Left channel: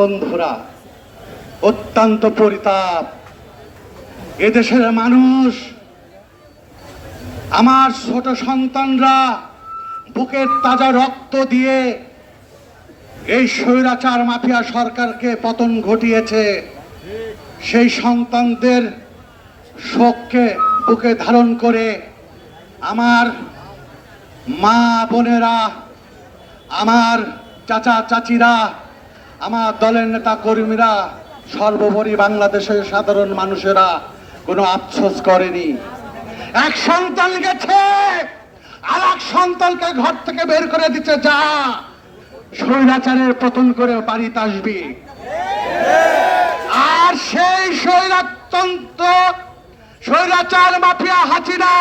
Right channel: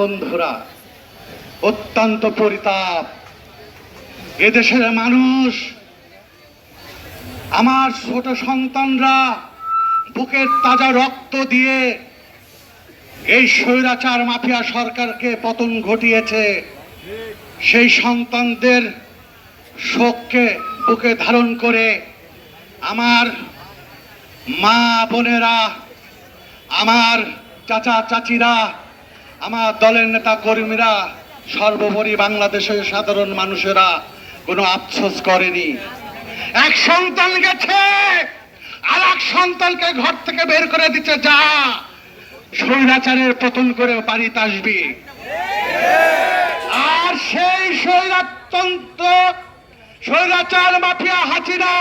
বন্ধুরা, অত্যন্ত পরিতাপ। এদেশের মানুষ, আমার ছোট সন্তানরা বুকের তাজা রক্ত দিয়ে এই স্বৈরাচার মাফিয়া সরকারকে পতন ঘটিয়েছে। সেই সন্তানদের শোককে বুকে ধারণ করে আমার মা বোনেরা, আমার চাচা চাচিরা, আমার দলের নেতা কর্মীরা, সর্বোপরি বাংলাদেশের সাধারণ মানুষেরা কোনো আফসোস করেনি। এক সন্তান গেছে, আর এক সন্তানকে ঘর থেকে বের করে দিচ্ছে, যা স্বৈরাচারের পতন করে বাড়িতে আসবি। আর সেই স্বৈরাচার মাফিয়া হাসিনা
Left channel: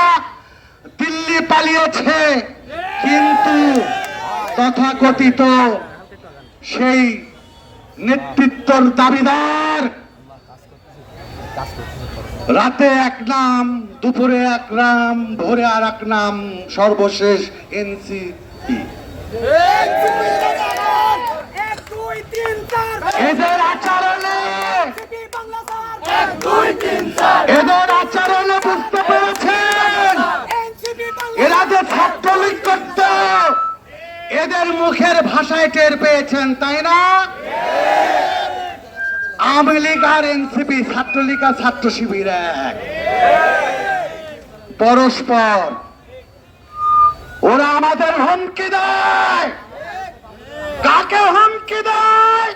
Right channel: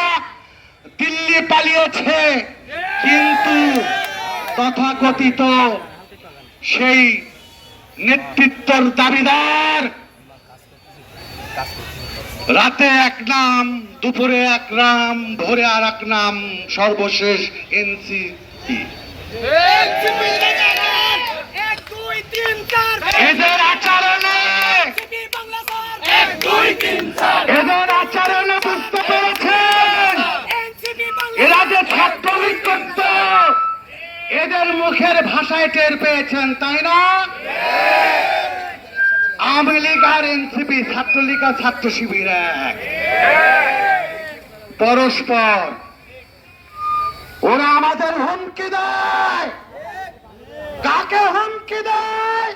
দিল্লি পালিয়েছে, কিন্তু তথাকথিত সেই নেতৃত্বের দাবিদার রাতে এক নাম, দুপুরে এক নাম, ভোরে আর এক নাম, সর্বশেষ এনসিপি। এদের আচরণে বুঝতে পেরেছেন এরা যে ছাত্রলীগ করত, এদের মুখের ভাষায় টের পেয়েছেন, তাই না? আওয়ামী লীগ আর এনসিপি, ছাত্রলীগ আর ছাত্র শিবির এক, পরস্পর। ওরা আমাদের হুমকি দেয়। কাকে হুমকি দেয়?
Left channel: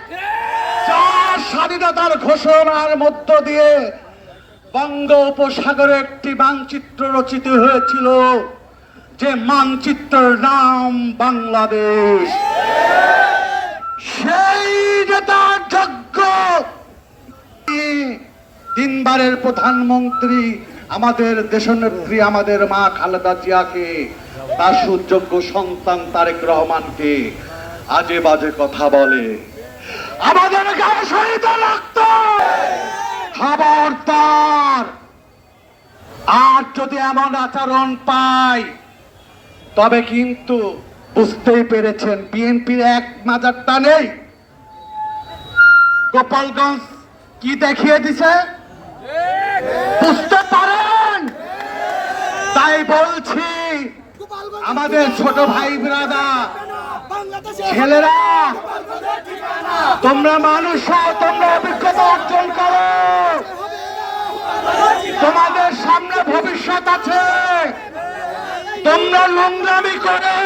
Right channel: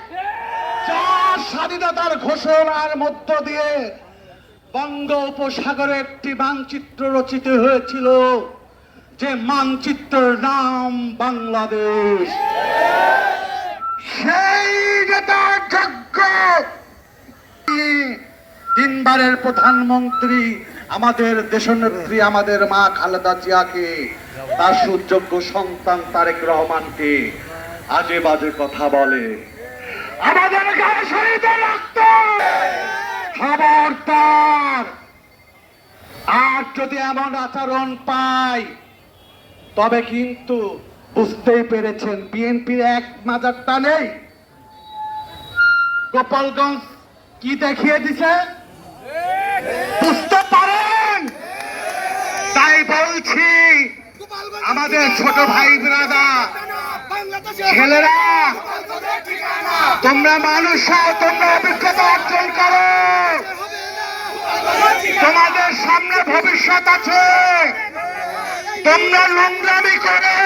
যার স্বাধীনতার ঘোষণার মধ্য দিয়ে বঙ্গোপসাগরে একটি মানচিত্র রচিত হয়েছিল, যে মানচিত্রের নাম বাংলাদেশ। সেই নেতার যোগ্য তিনবারের প্রধানমন্ত্রী আমাদের দেশনেত্রী, আমাদের মা খালেদা জিয়াকে, তার সুযোগ্য সন্তান তারেক রহমানকে আজে বাজে কথা বলে, আমাদের গায়ে শহীদের রক্ত। খবরদার! আর যদি এমন আচরণ পাই, তবে কিন্তু বুঝতেই পেরেছেন বিএনপি এক মাজারটা নেই। গোপালগঞ্জ কি দেখিয়ে দিছে বুঝতে পারেন। তাই বলছি, আমাদের ছোট ভাই ব্রাদার, ছেলেরা, তোমরা মানুষ, তোমরা অভিজ্ঞতা অর্জন করো, তোমাদের সামনে ভবিষ্যৎ আছে। তোমরা নোংরামি করে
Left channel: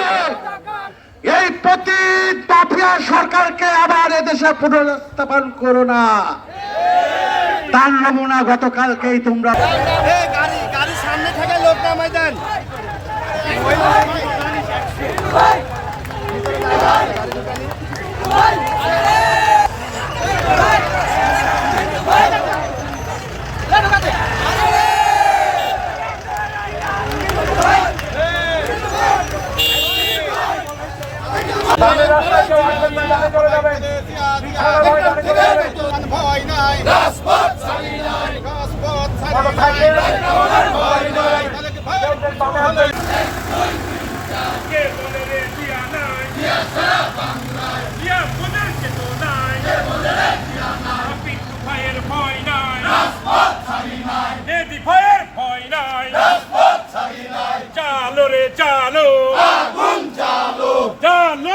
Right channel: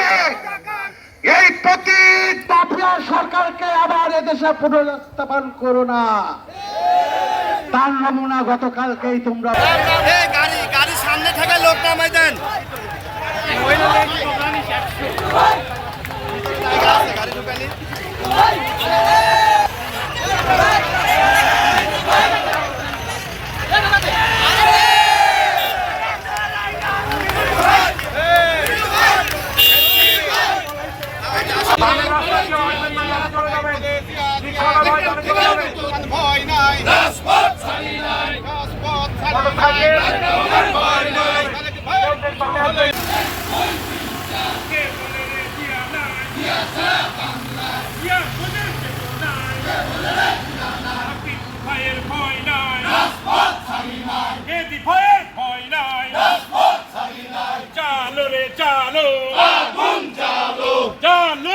এই পতিত মাফিয়া সরকারকে আবার এদেশে পুনরুত্থাপন করো না। তার নমুনা গতকালকেই তোমরা গাড়ি সামনে থাকা লোক নামাই দেন। ভয় নাই, রাজপথ ছাড়ি নাই, রাজপথ ছাড়ি নাই, ভয় নাই। কে বলে রে দিয়া নাই, দিয়া সারা বাংলায়, দিয়া বলে কেতো নাই, কে বলে রে দিয়া নাই, ভাইয়ের ভয় নাই, রাজপথ ছাড়ি নাই, এদি ভাইয়ের ভয় নাই, রাজপথ ছাড়ি নাই। চালো রে চালো, আগুন জ্বালো, চালো